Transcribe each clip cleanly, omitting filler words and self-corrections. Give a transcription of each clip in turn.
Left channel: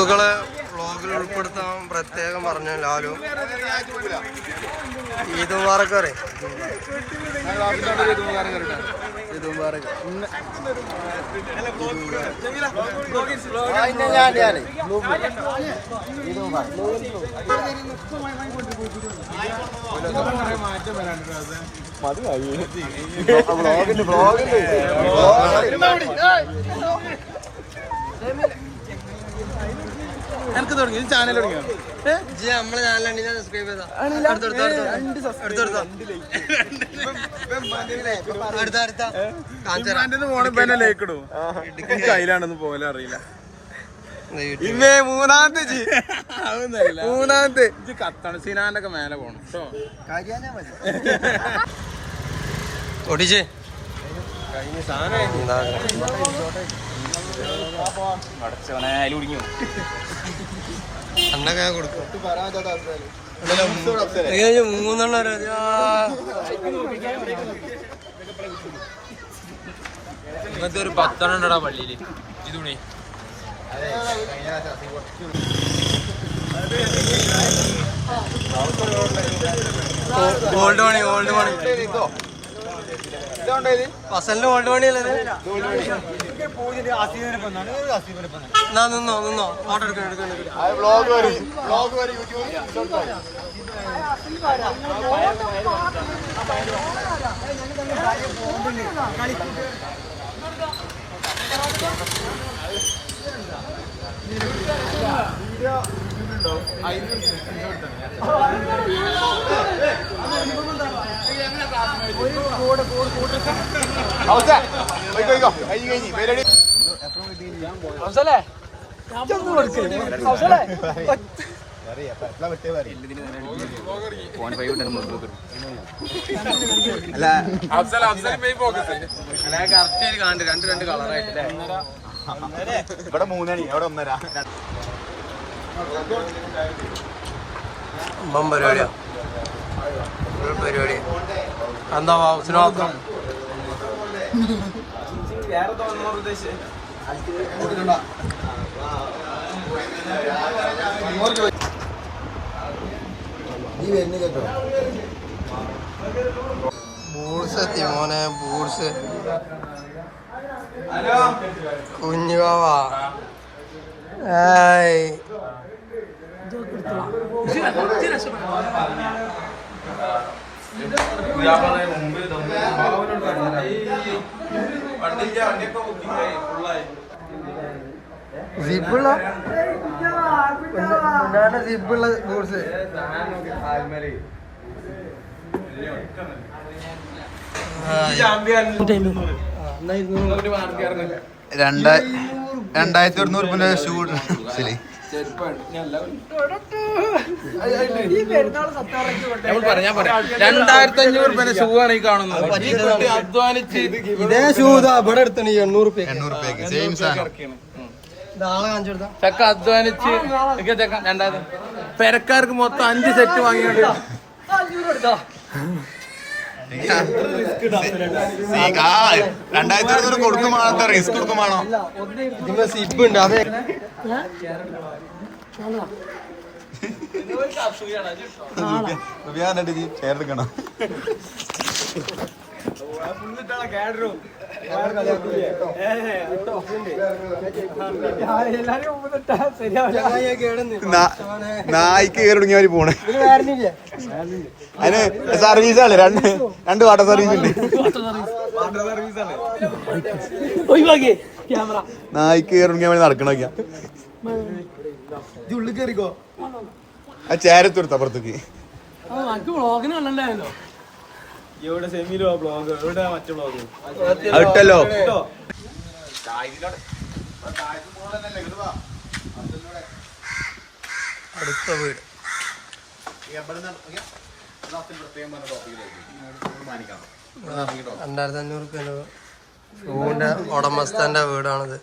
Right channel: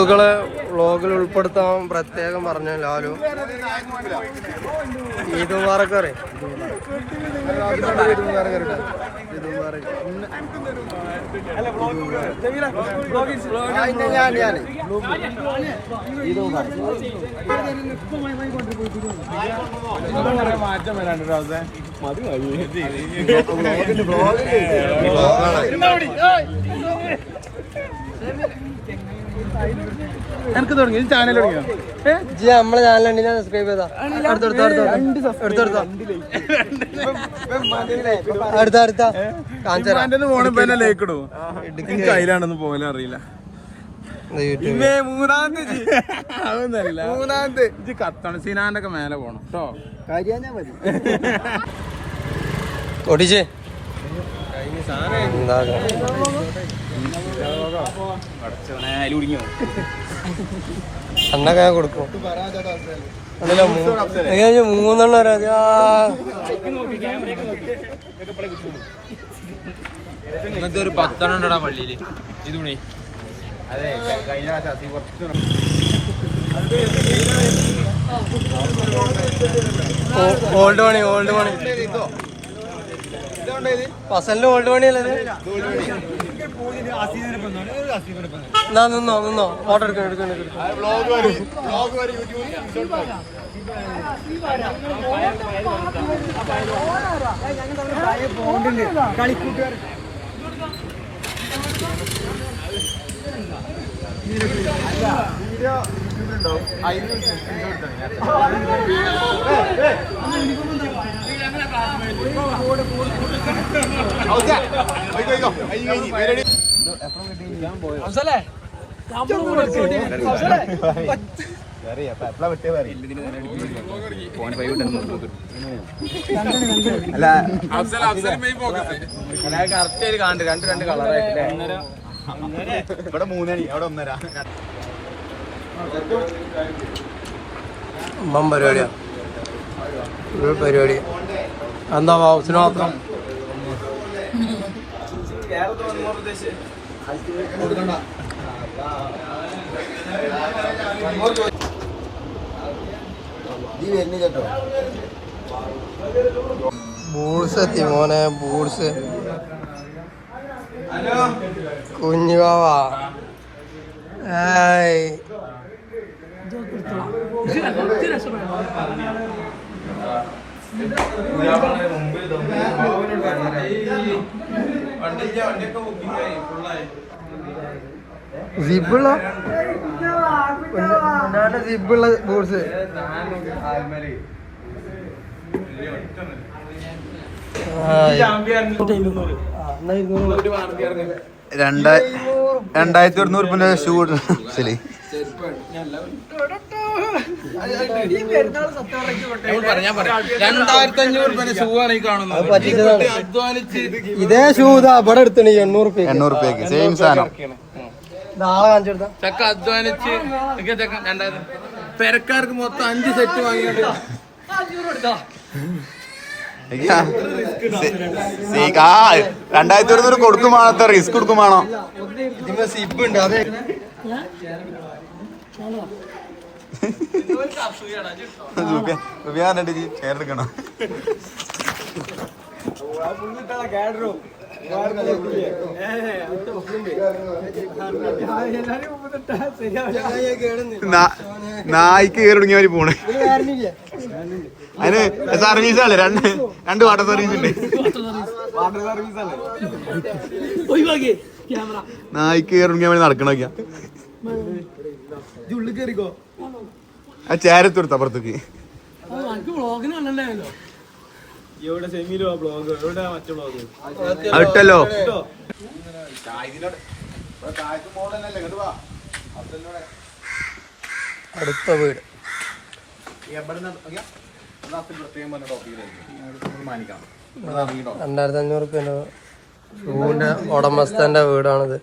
സുഹൃത്തുക്കളെ വ്ളോഗിൽ ഉൾപ്പെടുത്താൻ പ്രത്യേകം പറഞ്ഞു ലാലു. ഈദ് മുബാറക്ക് പറയും. മാറ്റം വരാണ്ട് മതി നമ്മളെ ചാനലുണ്ട്, ഞാൻ സബ്സ്ക്രൈബ് ചെയ്താ അടുത്ത കാഞ്ചറാണെന്ന് പോലെ അറിയില്ല. മൂന്നാമത്തെ സിനാന്റെ ഒക്കെ മേലെ പോണം ഒടിച്ചേ അന്നൊക്കെ ഞാൻ കൊടുക്കും. മൂന്നെണ്ണം ഇങ്ങനത്തെ ഒരു 10 ഉണ്ടടാ പള്ളിയില്. ഇതുണേ ഓൾഡ് മണി ഫസലിന്റെ ഓൾഡ് മണി അല്ലത്. നിന്നോ ഫോട്ടോ എടുക്കണം. ഇവിടെ 3 മണി അവിടെ 1:30 പരിപാടിയാ. എന്താ ഹൗസിന് മാത്രം ബൂട്ട്സ് എത്തി മോനെ. ബൂട്ട്സ് കുഞ്ഞുവാവാ. സിബുള്ള ബൂട്ട്സ്. $2,200 ഷൂ ശരി. 2,500 ഷൂ ആണ് ഈ കാണുന്നത്. അധ്വാനിച്ച് ഇതേ ഷൂ ഇവിടെ എടുത്തണി 800 സെയിം സാധനം. ചക്ക അധ്വാനിച്ച് പെരക്കാർക്ക് മൊത്തം 5 സെറ്റ് വാങ്ങിയോണ്ട് 2,200 കൊടുക്കുമാണോ? റിസ്ക് കൊടുക്കുമാണോ? സിബ് ഉണ്ട് അത് ചേർക്കണം. നായിക്ക് കയറി തുടങ്ങിയ പോണേ. അതിന് സർവീസല്ലേ, രണ്ട് വാട്ടർ സർവീസ് ഉണ്ട്. നായിക്ക് കയറി തുടങ്ങിയ നടക്കണോക്കിയാ ഉള്ളിൽ കയറിക്കോ. ആ ചേരത്തെടുത്ത അപ്പുറത്തേക്ക് ഇട്ടല്ലോ. അടുത്ത വീട് 2,500 ഷൂവിന്റെ ഉടമസ്ഥന്റെ വീടാണിത്.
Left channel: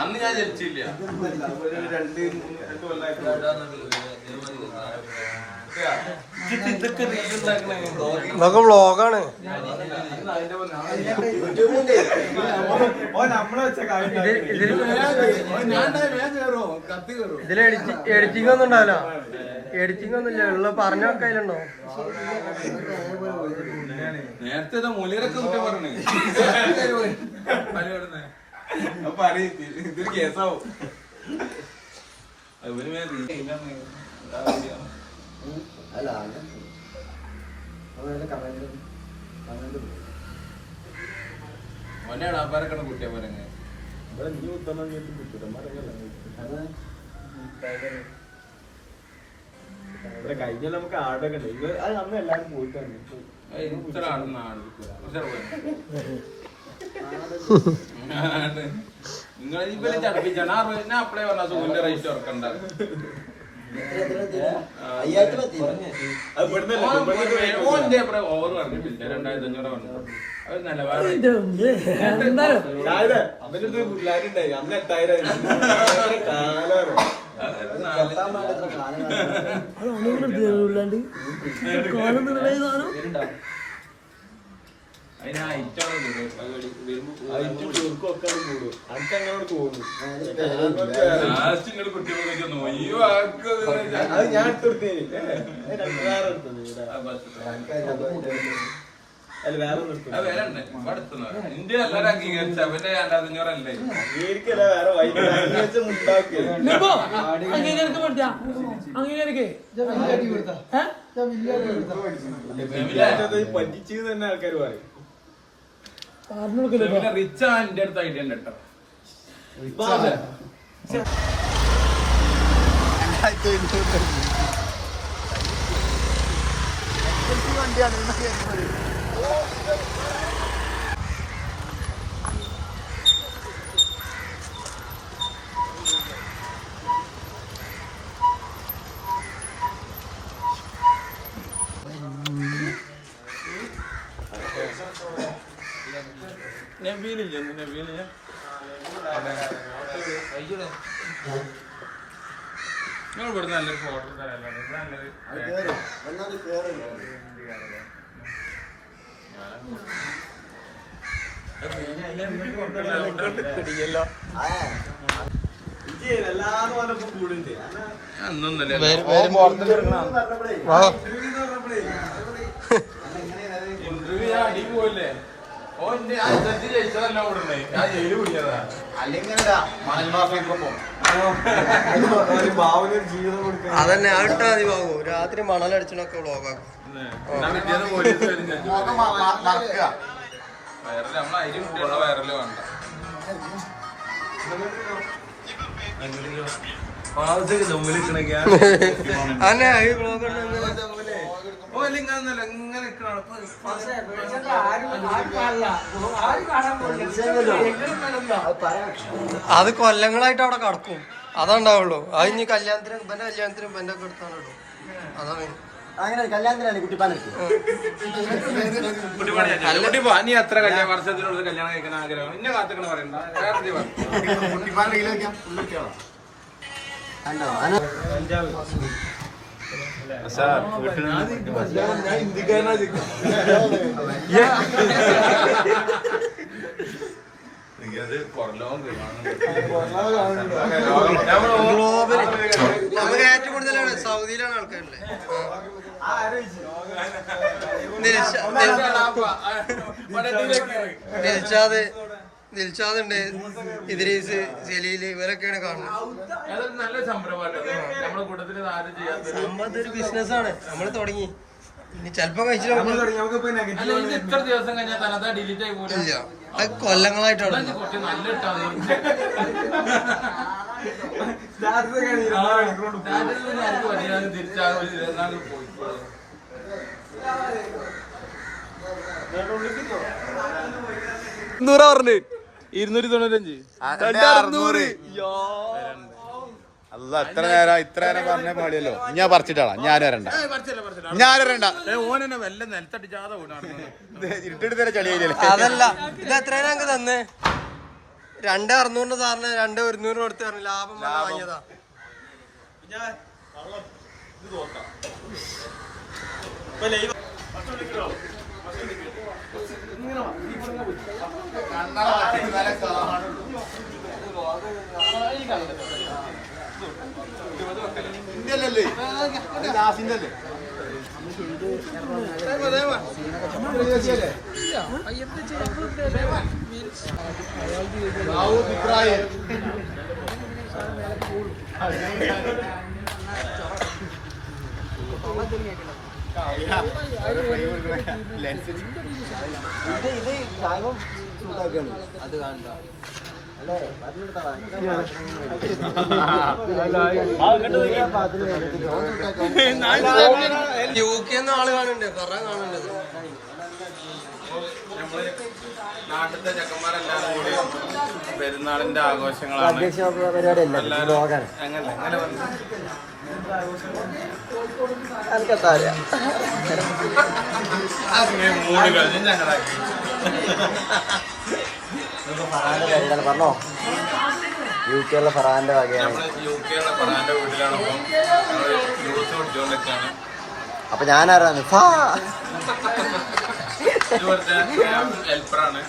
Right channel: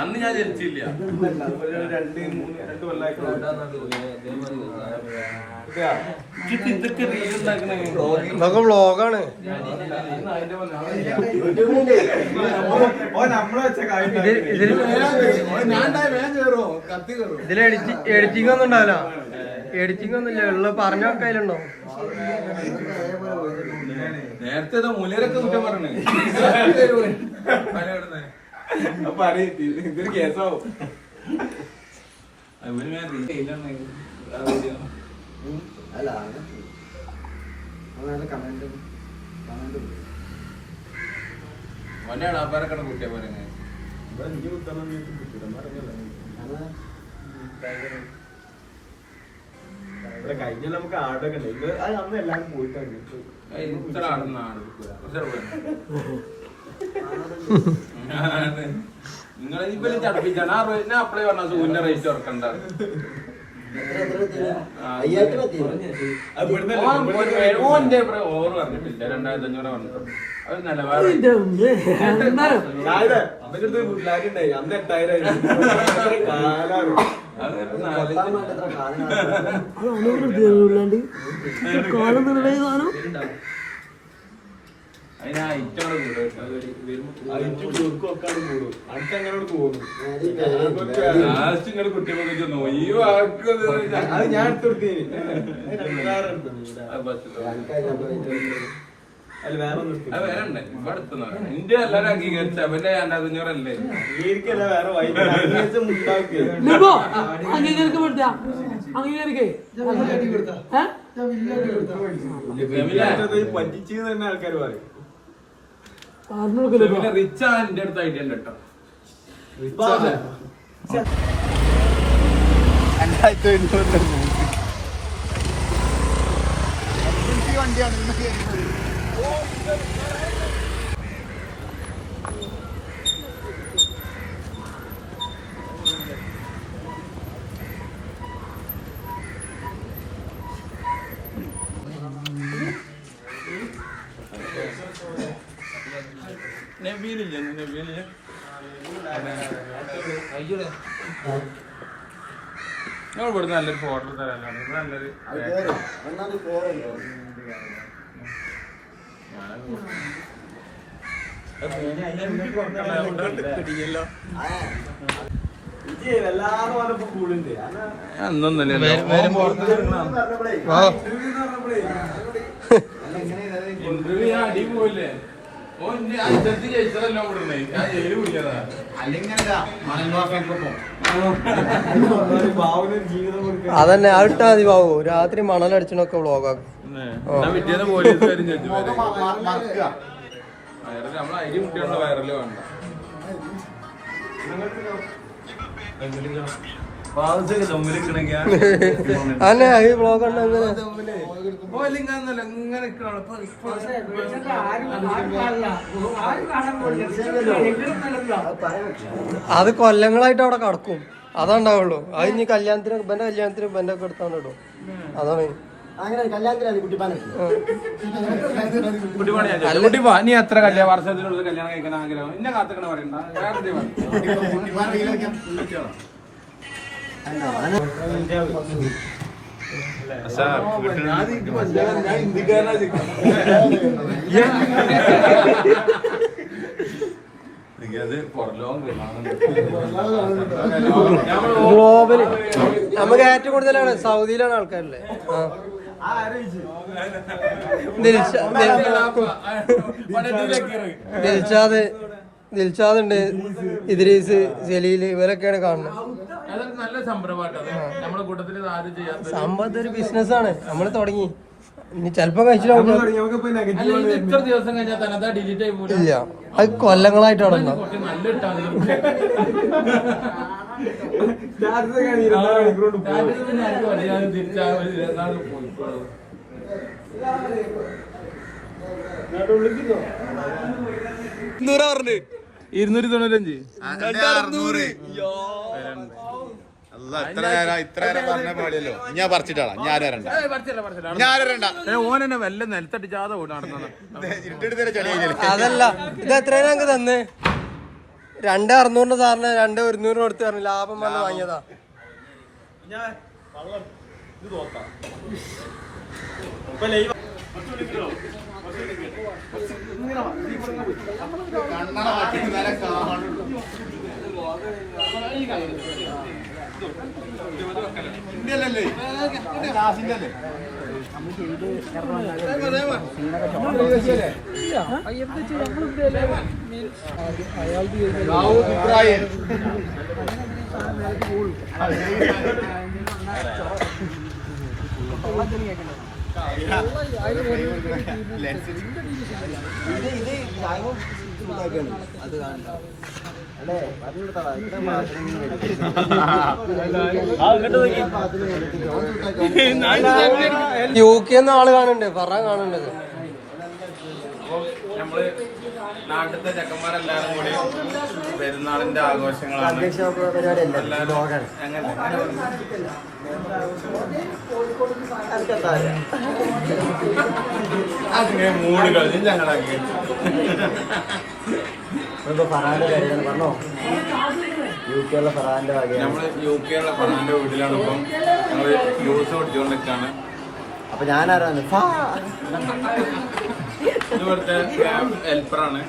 അന്ന് ഞാൻ ജനിച്ചില്ല. ഇതൊക്കെ വ്ളോഗാണ്. ഇതിൽ എഡിറ്റിംഗ് ഒന്നും ഉണ്ടാവില്ല. എഡിറ്റിംഗ് ഒന്നും ഇല്ല. ഉള്ള പറഞ്ഞ കയ്യിലുണ്ടോ? നേരത്തെ മൂല്യരൊക്കെ കുറ്റം പറഞ്ഞേ. ഇതൊരു കേസാവും. ഓന്റെ അടാപ്പാരൊക്കെ കുട്ടിയെ പോരങ്ങ കഴിഞ്ഞ നമുക്ക് ആടൊക്കെ ഉണ്ട്. അത് അന്ന് എല്ലാവരും പോയിട്ടാണ്. ഇത്ര ആടുന്ന ആട് നിങ്ങൾ ഇവര് ചടപ്പിച്ചാണ്. ഞാൻ അപ്ലൈ പറഞ്ഞ സൂര്യ റേറ്റ് ഇറക്കണ്ട. ഓന്റെ ഓവർ പറഞ്ഞിട്ടില്ല. 2500 പറഞ്ഞിട്ടുള്ളൂ. അത് നിലവാരം അന്ന് 8000 അത് ഞാൻ എടുത്തെടുത്തേന്. അത് വേറെ ഇന്ത്യ എല്ലാരും അംഗീകരിച്ച അവന്റെ 2500 അല്ലേ എനിക്കല്ല വേറെ വൈകിട്ട് മുണ്ടാക്കുക. പറ്റിച്ചു തന്നെ ആൾക്കാർ പറയും. റിച്ച് ആണ് എന്റെ അടുത്ത് ഐഡിയ ഉണ്ട് കേട്ടോ. വണ്ടിയാണ് നബീലില്ല. നബീലില്ല ഞങ്ങൾ ഇവിടുന്ന് നല്ലൊരു ഫോട്ടോ തരാനുണ്ട്. ഇവിടെ നല്ലൊരു ഇന്റർവ്യൂ അടിപോലേ. ഓന്റെ അഞ്ചത്തി ജയിച്ചതല്ല ഓടുന്നേ. ഞാൻ ജയില് വിളിച്ചതാ. അതന്നെ ആ ഇട്ടാ മതി ബാബു. രാത്രി മണലടിച്ചണൊക്കെ വ്ളോഗാക്കും. വയറില് നമ്മളെ അരി മുട്ടിയുള്ള വയറില് വേണ്ട. അന്നെ ഈ വ്ളോഗ് ഉണ്ട് അങ്ങനെ. അത് കൊല്ലങ്ങളായിട്ട് അവിടെ കടക്കും. അതുണ്ടാവുള്ളൂ. അത് ഇനി കല്യാണത്തിന് ഇവന്റെ കല്യാണത്തിന് ഇവന്റെ ഒക്കെ എടുത്താണ് ഇടും. അതാണ് നീ എത്ര വർഷത്തിലുള്ള കല്യാണം കഴിക്കാൻ ആഗ്രഹം? ഇന്നെ കാത്തിക്കണ പറയണ്ട. ഗ്ലോബല് നമുക്ക് ഏറ്റവും കൂടുതലാണ് സൗദിയിലാണ് ആൾക്കാരല്ലേ. ദിൽഷാദ് ഉണ്ട്, ഇദ്രീസ്, ജലീല്, ഇവരൊക്കെയാണ് കാണുന്നത്. സംഭവം ഒരു ബിസിനസ്സാണ്. നമ്മള് തുടങ്ങി ഇനി ചെലപ്പോ കഴിച്ചില്ല. ഇല്ല, അത് കൊല്ലങ്ങളായിട്ടാണ്. പറഞ്ഞു 295 അല്ല ഇത്ര നേരം പറഞ്ഞ പോലെയല്ലോ ഞാൻ പറിച്ചിട്ടാളാ ഞാൻ വരണ്ട ഓനെന്നെ വല്ല നിലത്തടിച്ചാതെ ഓടാണെന്നാണ് ഇട്ടെടുത്ത ചടിയില്ല അതല്ല ഇത് എത്രയാണ് ഞങ്ങക്ക് തന്ന് 2,600 സാറിന് 2,100 കൊടുത്ത് പറഞ്ഞു ലാഭം വന്ന് വാങ്ങിയതാ. ഇന്ത്യല്ലേ ലാസിന്റെ അല്ലേ UK ആള് കാണുന്നുണ്ട്, ഫറാൻ കാണുന്നുണ്ട്. നമ്മള് നാട്ടിലത്തെ ചെക്കന്മാരെല്ലാരും കൂടി പെരുന്നാളിന്റെ ആഘോഷങ്ങളാണ് എല്ലാരും. അങ്ങനെ മൂട് കളഞ്ഞ് ഞങ്ങളാക്കി നമ്മള് UK ഫറാന്റെ വീട്ടിലാണ്. ഇപ്പം ഞങ്ങള് ജ്യൂസ് കുടിച്ചുകൊണ്ടിരിക്കാണ്. അപ്പൊ ഞാനാരാണ് ഇത് ഇവിടുത്തെ ഹെൽപ്പറാണ്.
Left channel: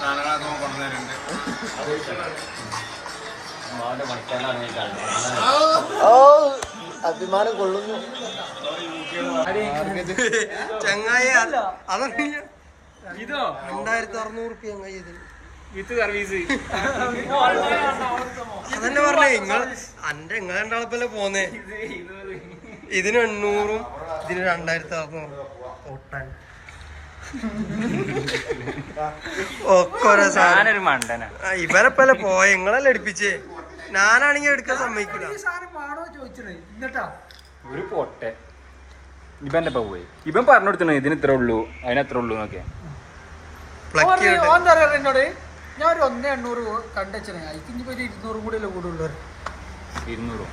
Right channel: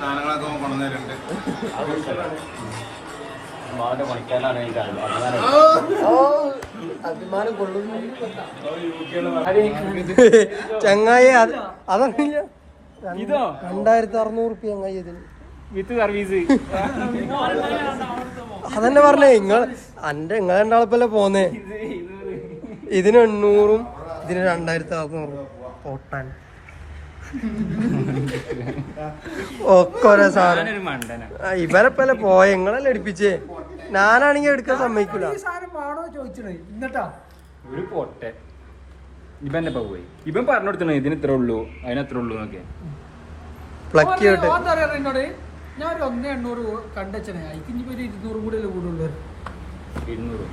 സാധനങ്ങളൊക്കെ കൊണ്ടുവന്നിട്ടുണ്ട്. അഭിമാനം കൊള്ളുന്നു. ചങ്ങായി അതറിയില്ല. 2,600 ചങ്ങായി ഇതിന് വിത്ത് സർവീസ്. അതന്നെ പറഞ്ഞേ. നിങ്ങൾ രണ്ടാളിപ്പല്ലേ പോന്നേ. ഇതിന് 800 ഇതിന് 2,600 ഓട്ടാൻ ഒക്കെ ഓരോ സാധനം. ഇവരെപ്പല്ലേ പോയ നിങ്ങളല്ലേ എടുപ്പിച്ചേ. ഞാനാണെങ്കി എടുക്കാൻ സമ്മതിക്കൂല. ഒരു പൊട്ടെ ഇവൻ പോയി. ഇവൻ പറഞ്ഞു കൊടുത്തു ഇതിന് ഇത്ര ഉള്ളൂ അതിന് എത്ര ഉള്ളൂ എന്നൊക്കെ. പ്ലക്ക് ചെയ്യട്ടെ. എന്നോട് ഞാൻ ഒരു 1,800 കണ്ടച്ചനെ അതിന് ഇനിയിപ്പോ 200 കൂടെ അല്ലേ കൂടുള്ളൂ. 200